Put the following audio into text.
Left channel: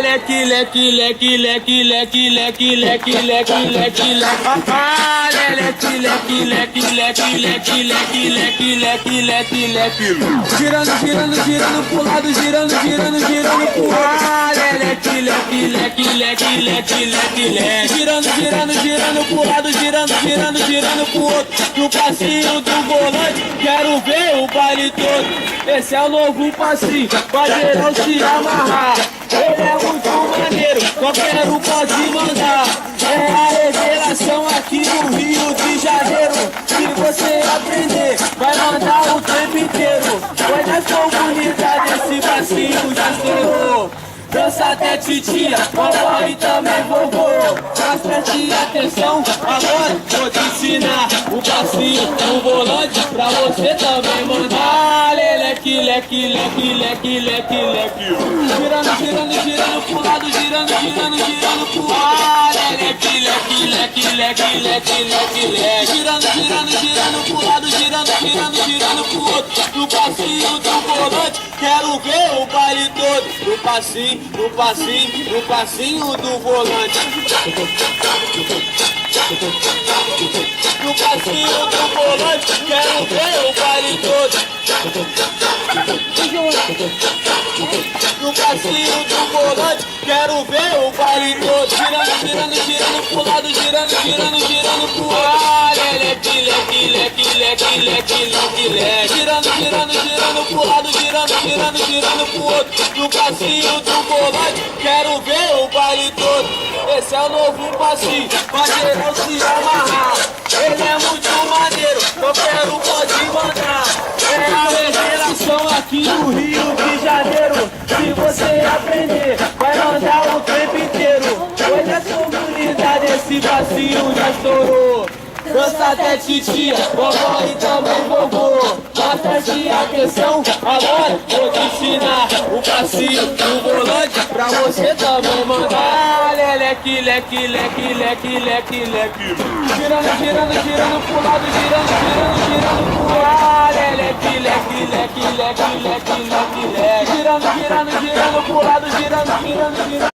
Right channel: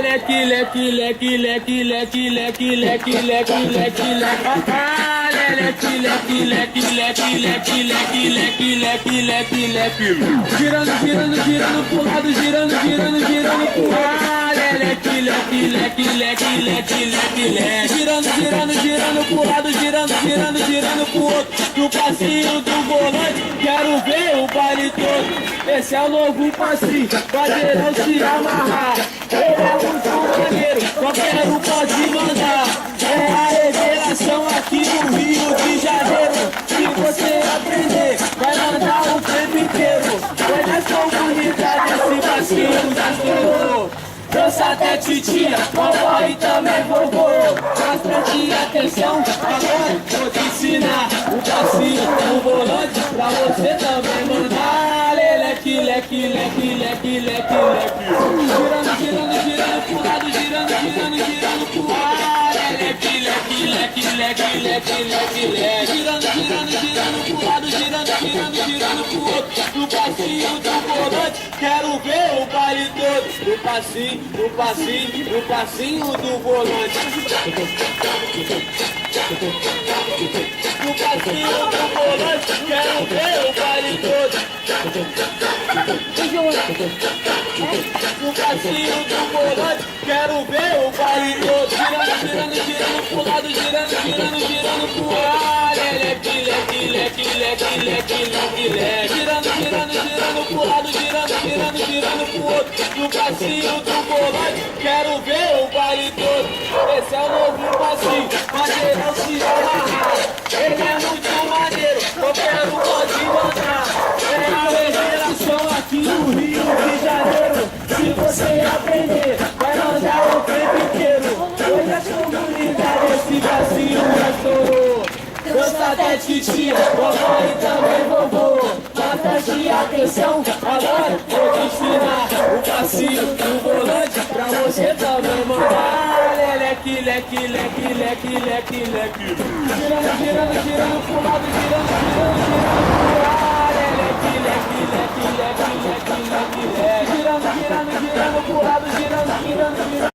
leque, leque, leque, leque, leque, leque, leque, leque, leque, leque. Ah, leque, leque, leque, leque, leque, leque, leque, leque, leque, leque. Girando, girando, girando pro lado, girando, girando, girando pro outro. Ah, leque, leque, leque, leque, leque, leque, leque. Girando, girando, girando pro lado, girando, girando, girando pro outro. No passinho do volante, quero ver o baile todo. Esse é o novo passinho, vai geral se amarrar. Ele é muito maneiro, qualquer um pode mandar. É a revelação aqui no Rio de Janeiro. Se você aprender, vai mandar o tempo inteiro. Foi nas comunidades, esse passinho já estourou. Dança até titia, vovó e também vovô. Mas preste atenção, agora vou te ensinar o passinho, o volante, pra você também mandar. Leque, leque, leque, leque, leque, leque. Girando, girando, girando pro lado, girando, girando, girando pro lado. Leque, leque, leque, leque, leque, leque, leque. Girando, girando, girando pro lado, girando, girando, girando pro outro. No passinho do volante, quero ver o baile todo. No passinho, no passinho, no passinho do volante. No passinho do volante, quero ver o baile todo. No passinho do volante, quero ver o baile todo. Girando, girando, girando pro lado, girando, girando, girando pro ar. Leque, leque, leque, leque, leque, leque, leque. Girando, girando, girando pro lado, girando, girando, girando pro outro. No passinho do volante, quero ver o baile todo. Esse é o novo passinho, pra geral se amarrar. Ele é muito maneiro, qualquer um pode mandar. É a revelação aqui no Rio de Janeiro. Se você aprender, vai mandar o tempo inteiro. Hoje é comunidade, esse passinho já estourou. Dança até titia, vovó e também vovô. Mas preste atenção, agora vou te ensinar o passinho do volante, pra você também mandar. Leque, leque, leque, leque, leque, leque. Girando, girando, girando pro lado, girando, girando, girando pro ar. Leque, leque, leque, leque, leque, leque, leque. Girando, girando, girando pro lado, girando, girando, girando.